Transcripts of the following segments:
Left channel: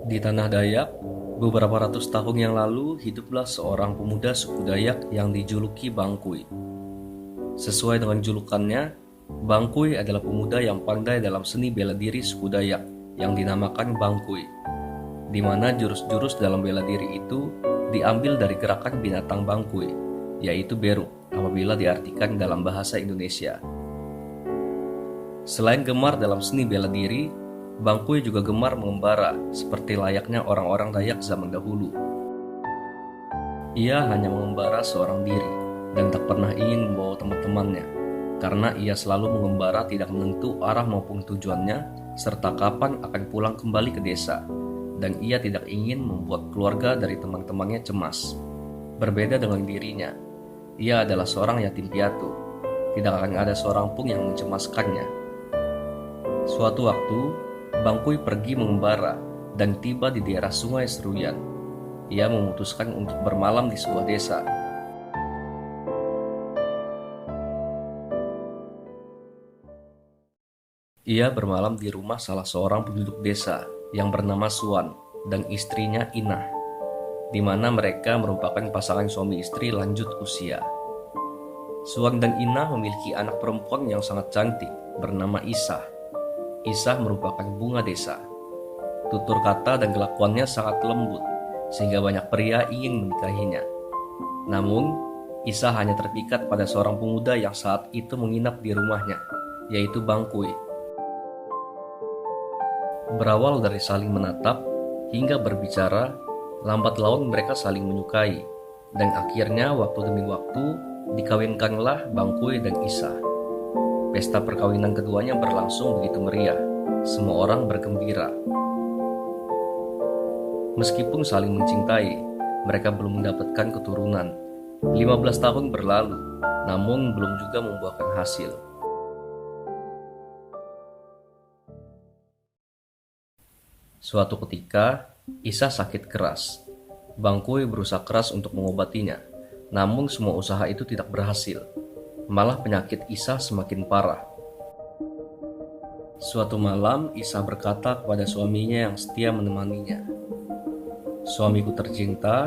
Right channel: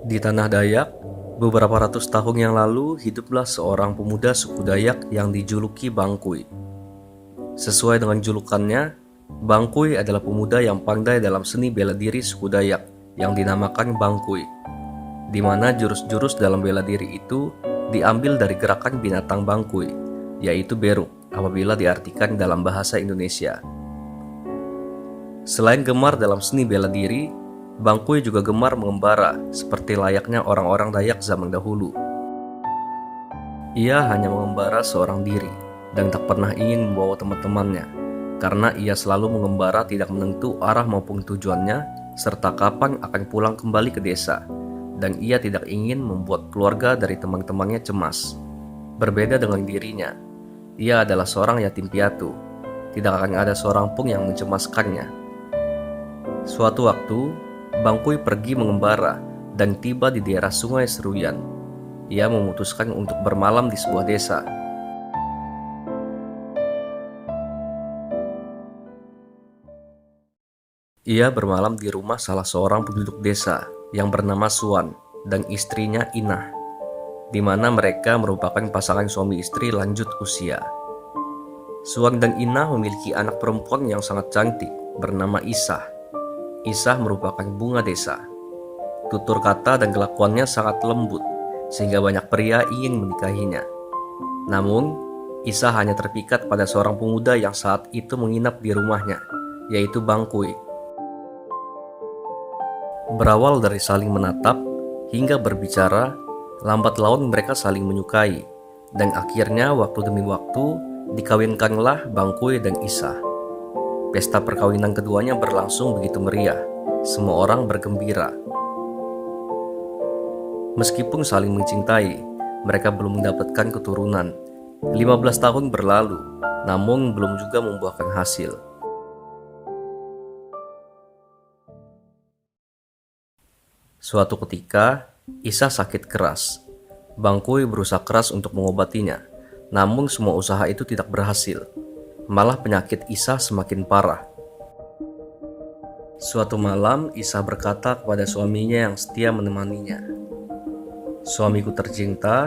Di tanah Dayak, beberapa ratus tahun yang lalu hiduplah seorang pemuda suku Dayak yang dijuluki Bangkuy. Sesuai dengan julukannya, Bangkuy adalah pemuda yang pandai dalam seni bela diri suku Dayak yang dinamakan Bangkuy, di mana jurus-jurus dalam bela diri itu diambil dari gerakan binatang Bangkuy, yaitu beruk apabila diartikan dalam bahasa Indonesia. Selain gemar dalam seni bela diri, Bangkuy juga gemar mengembara seperti layaknya orang-orang Dayak zaman dahulu. Ia hanya mengembara seorang diri dan tak pernah ingin membawa teman-temannya, karena ia selalu mengembara tidak menentu arah maupun tujuannya serta kapan akan pulang kembali ke desa, dan ia tidak ingin membuat keluarga dari teman-temannya cemas. Berbeda dengan dirinya, ia adalah seorang yatim piatu. Tidak akan ada seorang pun yang mencemaskannya. Suatu waktu, Bangkuy pergi mengembara dan tiba di daerah Sungai Seruyan. Ia memutuskan untuk bermalam di sebuah desa. Ia bermalam di rumah salah seorang penduduk desa yang bernama Suan dan istrinya Inah, di mana mereka merupakan pasangan suami istri lanjut usia. Suan dan Inah memiliki anak perempuan yang sangat cantik bernama Isah. Isah merupakan bunga desa. Tutur kata dan kelakuannya sangat lembut, sehingga banyak pria ingin menikahinya. Namun, Isah hanya terpikat pada seorang pemuda yang saat itu menginap di rumahnya, yaitu Bangkuy. Berawal dari saling menatap hingga berbicara, lambat laun mereka saling menyukai, dan akhirnya waktu demi waktu dikawinkanlah Bangkuy dan Isah. Pesta perkawinan keduanya berlangsung begitu meriah. Semua orang bergembira. Meskipun saling mencintai, mereka belum mendapatkan keturunan. 15 tahun berlalu, namun belum juga membuahkan hasil. Suatu ketika, Isah sakit keras. Bangkuy berusaha keras untuk mengobatinya, namun semua usaha itu tidak berhasil. Malah penyakit Isah semakin parah. Suatu malam, Isah berkata kepada suaminya yang setia menemaninya, "Suamiku tercinta,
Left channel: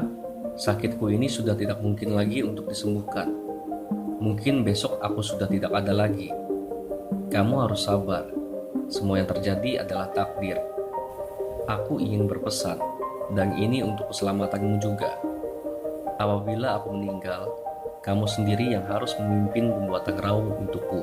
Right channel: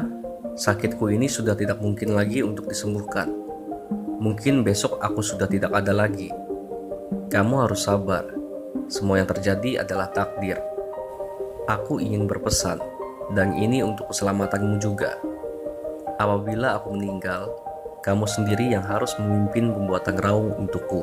sakitku ini sudah tidak mungkin lagi untuk disembuhkan. Mungkin besok aku sudah tidak ada lagi. Kamu harus sabar. Semua yang terjadi adalah takdir. Aku ingin berpesan, dan ini untuk keselamatanmu juga. Apabila aku meninggal, kamu sendiri yang harus memimpin pembuatan raung untukku."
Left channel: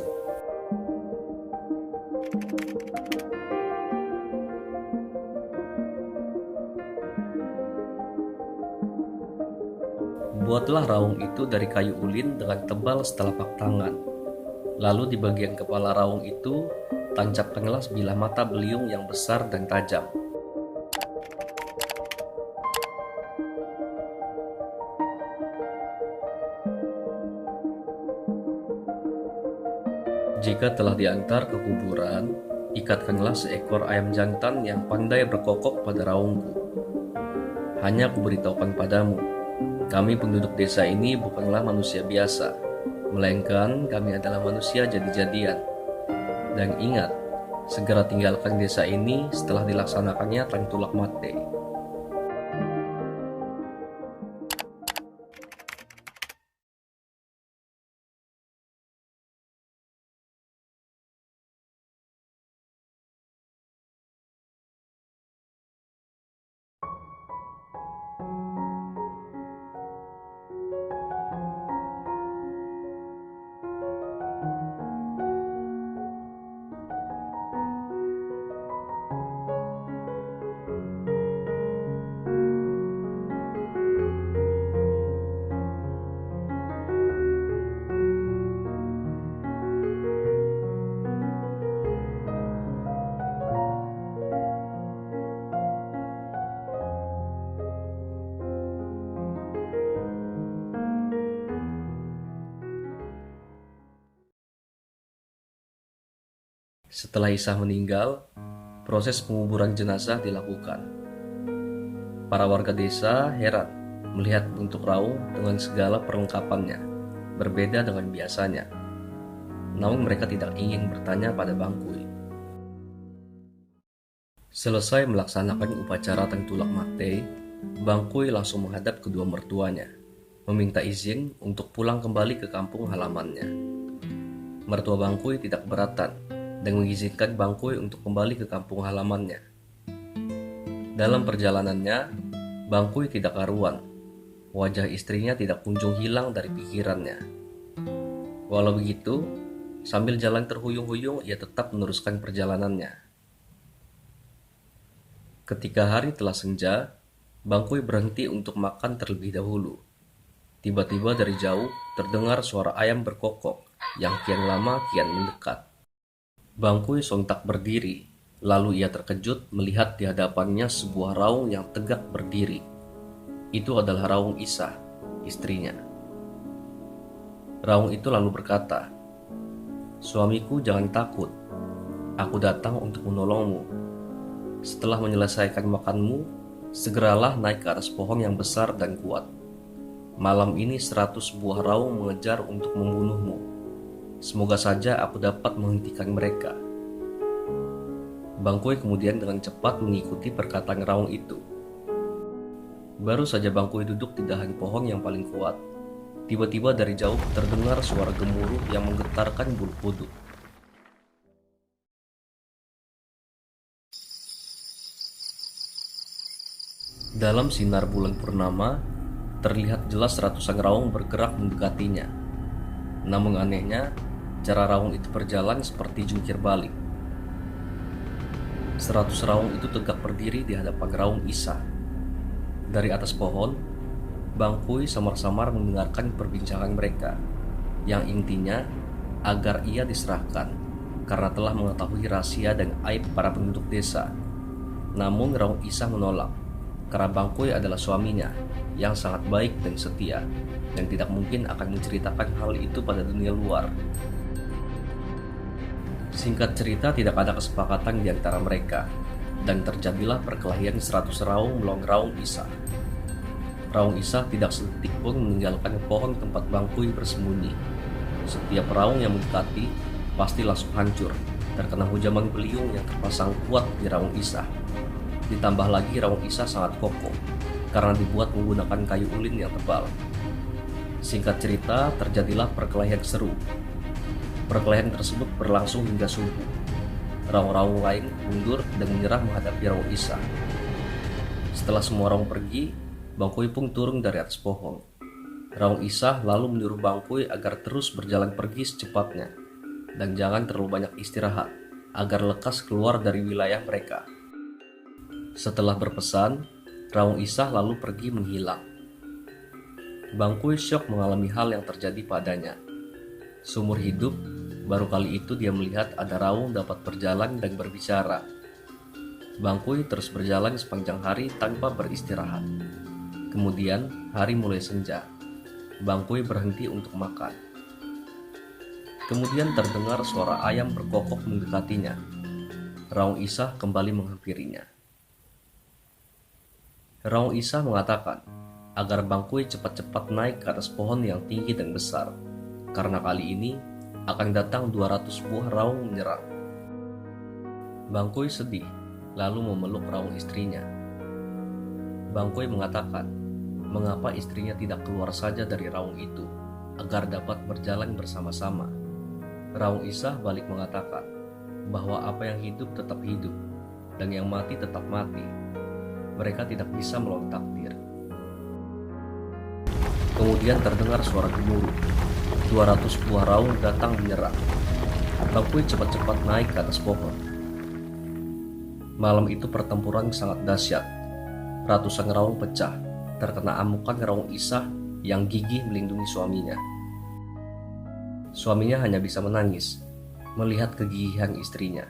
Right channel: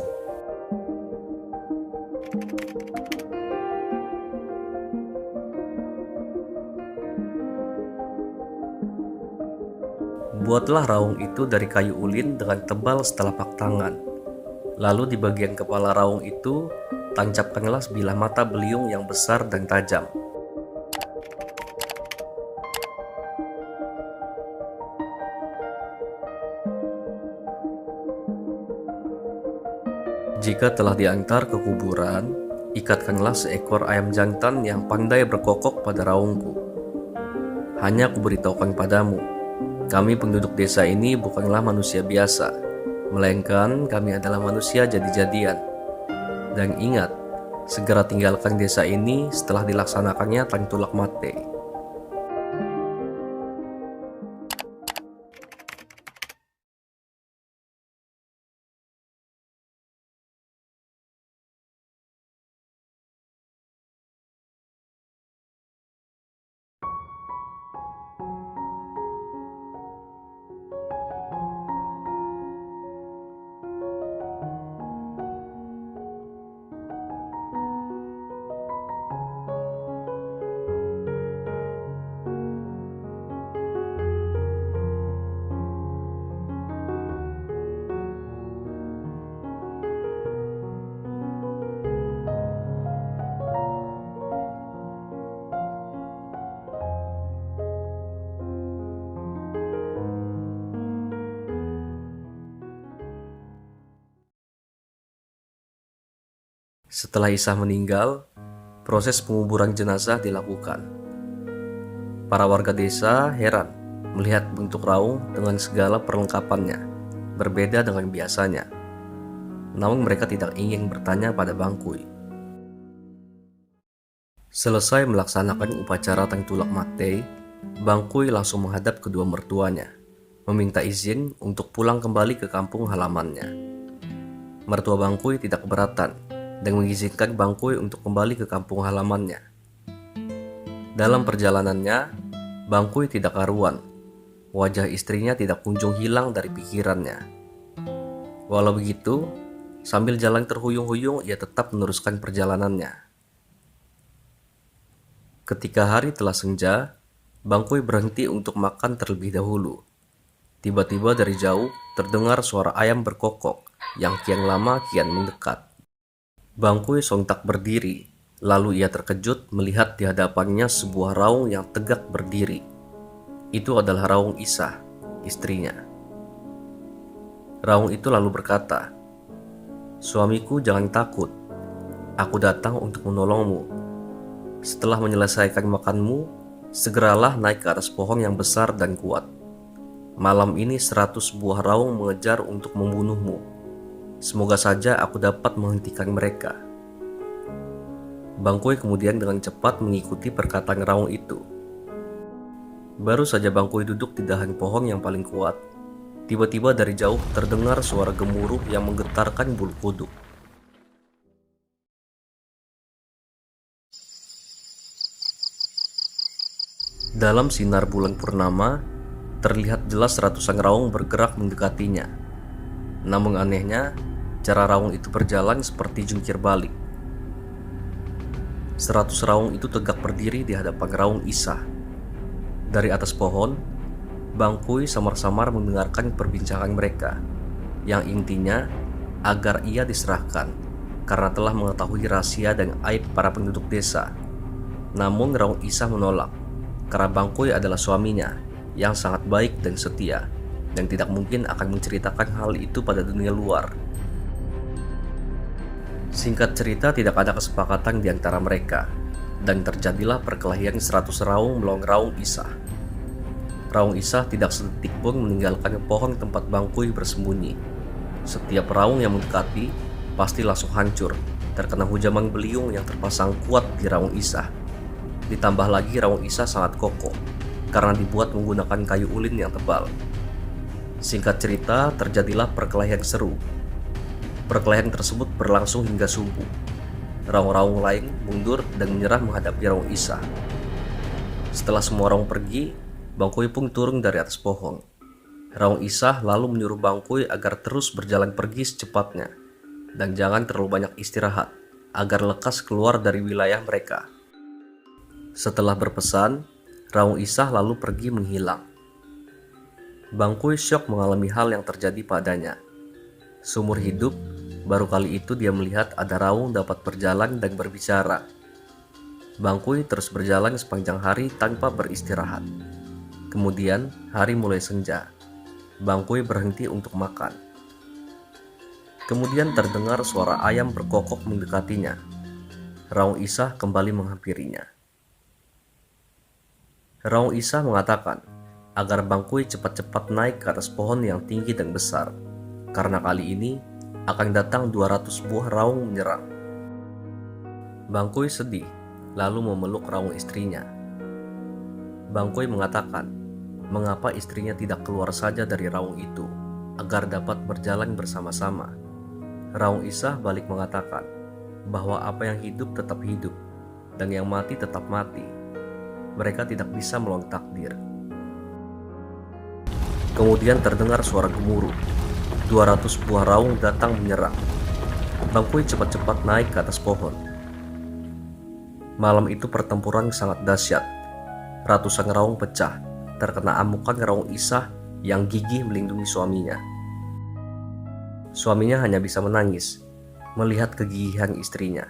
Buatlah raung itu dari kayu ulin dengan tebal setelapak tangan. Lalu di bagian kepala raung itu, tancapkanlah sebilah mata beliung yang besar dan tajam. Jika telah diantar ke kuburan, ikatkanlah seekor ayam jantan yang pandai berkokok pada raungku. Hanya kuberitahukan padamu, kami penduduk desa ini bukanlah manusia biasa, melainkan kami adalah manusia jadi-jadian. Dan ingat, segera tinggalkan desa ini setelah dilaksanakannya Tantulak Mate. Setelah Isah meninggal, proses penguburan jenazah dilakukan. Para warga desa heran melihat bentuk raung dengan segala perlengkapannya, berbeda dengan biasanya. Namun mereka tidak ingin bertanya pada Bangkuy. Selesai melaksanakan upacara Tengtulak Mate, Bangkuy langsung menghadap kedua mertuanya, meminta izin untuk pulang kembali ke kampung halamannya. Mertua Bangkuy tidak keberatan dan mengizinkan Bangkuy untuk kembali ke kampung halamannya. Dalam perjalanannya, Bangkuy tidak karuan. Wajah istrinya tidak kunjung hilang dari pikirannya. Walau begitu, sambil jalan terhuyung-huyung, ia tetap meneruskan perjalanannya. Ketika hari telah senja, Bangkuy berhenti untuk makan terlebih dahulu. Tiba-tiba dari jauh terdengar suara ayam berkokok yang kian lama kian mendekat. Bangkuy sontak berdiri, lalu ia terkejut melihat di hadapannya sebuah raung yang tegak berdiri. Itu adalah Raung Isah, istrinya. Raung itu lalu berkata, "Suamiku, jangan takut. Aku datang untuk menolongmu. Setelah menyelesaikan makanmu, segeralah naik ke atas pohon yang besar dan kuat. Malam ini 100 buah raung mengejar untuk membunuhmu. Semoga saja aku dapat menghentikan mereka." Bangkuy kemudian dengan cepat mengikuti perkataan raung itu. Baru saja Bangkuy duduk di dahan pohon yang paling kuat, tiba-tiba dari jauh terdengar suara gemuruh yang menggetarkan bulu kuduk. Dalam sinar bulan purnama, terlihat jelas ratusan raung bergerak mendekatinya. Namun anehnya, cara raung itu berjalan seperti jungkir balik. 100 raung itu tegak berdiri di hadapan Raung Isah. Dari atas pohon, Bangkuy samar-samar mendengarkan perbincangan mereka, yang intinya agar ia diserahkan karena telah mengetahui rahasia dan aib para penduduk desa. Namun Raung Isah menolak, karena Bangkuy adalah suaminya yang sangat baik dan setia, dan tidak mungkin akan menceritakan hal itu pada dunia luar. Singkat cerita, tidak ada kesepakatan di antara mereka, dan terjadilah perkelahian 100 raung melawan Raung Isah. Raung Isah tidak sedetik pun meninggalkan pohon tempat Bangkuy bersembunyi. Setiap raung yang mendekati pasti langsung hancur, terkena hujaman beliung yang terpasang kuat di Raung Isah. Ditambah lagi Raung Isah sangat kokoh karena dibuat menggunakan kayu ulin yang tebal. Singkat cerita, terjadilah perkelahian seru. Perkelahian tersebut berlangsung hingga subuh. Raung-raung lain mundur dan menyerah menghadapi Raung Isah. Setelah semua raung pergi, Bangkuy pun turun dari atas pohon. Raung Isah lalu menyuruh Bangkuy agar terus berjalan pergi secepatnya dan jangan terlalu banyak istirahat agar lekas keluar dari wilayah mereka. Setelah berpesan, Raung Isah lalu pergi menghilang. Bangkuy syok mengalami hal yang terjadi padanya. Seumur hidup, baru kali itu dia melihat ada raung dapat berjalan dan berbicara. Bangkuy terus berjalan sepanjang hari tanpa beristirahat. Kemudian hari mulai senja. Bangkuy berhenti untuk makan. Kemudian terdengar suara ayam berkokok mendekatinya. Raung Isah kembali menghampirinya. Raung Isah mengatakan agar Bangkuy cepat-cepat naik ke atas pohon yang tinggi dan besar, karena kali ini akan datang 200 buah raung menyerang. Bangkuy sedih, lalu memeluk raung istrinya. Bangkuy mengatakan, mengapa istrinya tidak keluar saja dari raung itu, agar dapat berjalan bersama-sama. Raung Isah balik mengatakan bahwa apa yang hidup tetap hidup, dan yang mati tetap mati. Mereka tidak bisa melawan takdir. Kemudian terdengar suara gemuruh. 200 buah raung datang menyerang. Bangkuy cepat-cepat naik ke atas pohon. Malam itu pertempuran sangat dahsyat. Ratusan raung pecah, terkena amukan Raung Isah yang gigih melindungi suaminya. Suaminya hanya bisa menangis melihat kegigihan istrinya.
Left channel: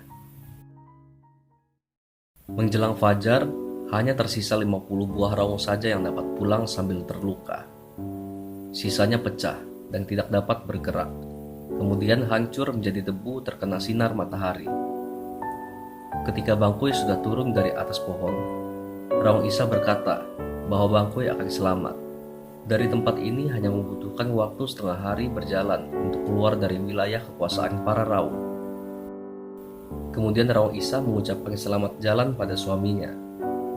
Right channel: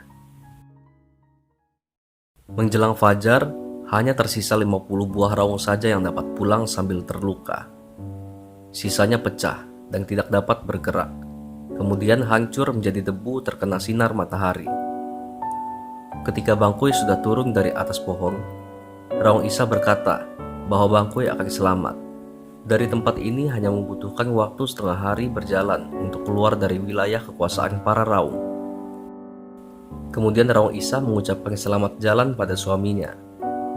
Menjelang fajar, hanya tersisa 50 buah raung saja yang dapat pulang sambil terluka. Sisanya pecah dan tidak dapat bergerak, kemudian hancur menjadi debu terkena sinar matahari. Ketika Bangkuy sudah turun dari atas pohon, Raung Isah berkata bahwa Bangkuy akan selamat. Dari tempat ini hanya membutuhkan waktu setengah hari berjalan untuk keluar dari wilayah kekuasaan para Raung. Kemudian Raung Isa mengucapkan selamat jalan pada suaminya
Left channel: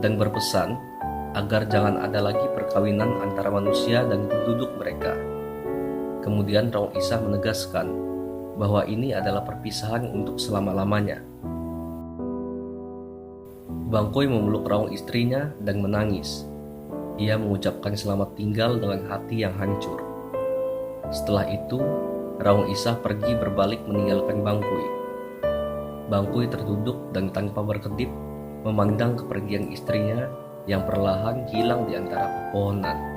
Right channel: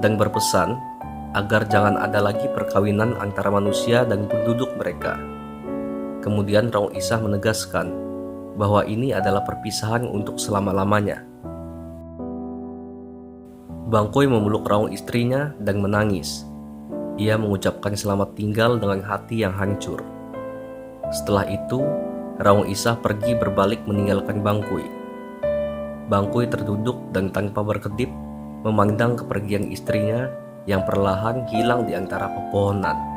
dan berpesan agar jangan ada lagi perkawinan antara manusia dan penduduk mereka. Kemudian Raung Isa menegaskan bahwa ini adalah perpisahan untuk selama-lamanya. Bangkoi memeluk Raung istrinya dan menangis. Ia mengucapkan selamat tinggal dengan hati yang hancur. Setelah itu, Raung Isa pergi berbalik meninggalkan Bangkoi. Bangkoi terduduk dan tanpa berkedip memandang kepergian istrinya yang perlahan hilang di antara pepohonan.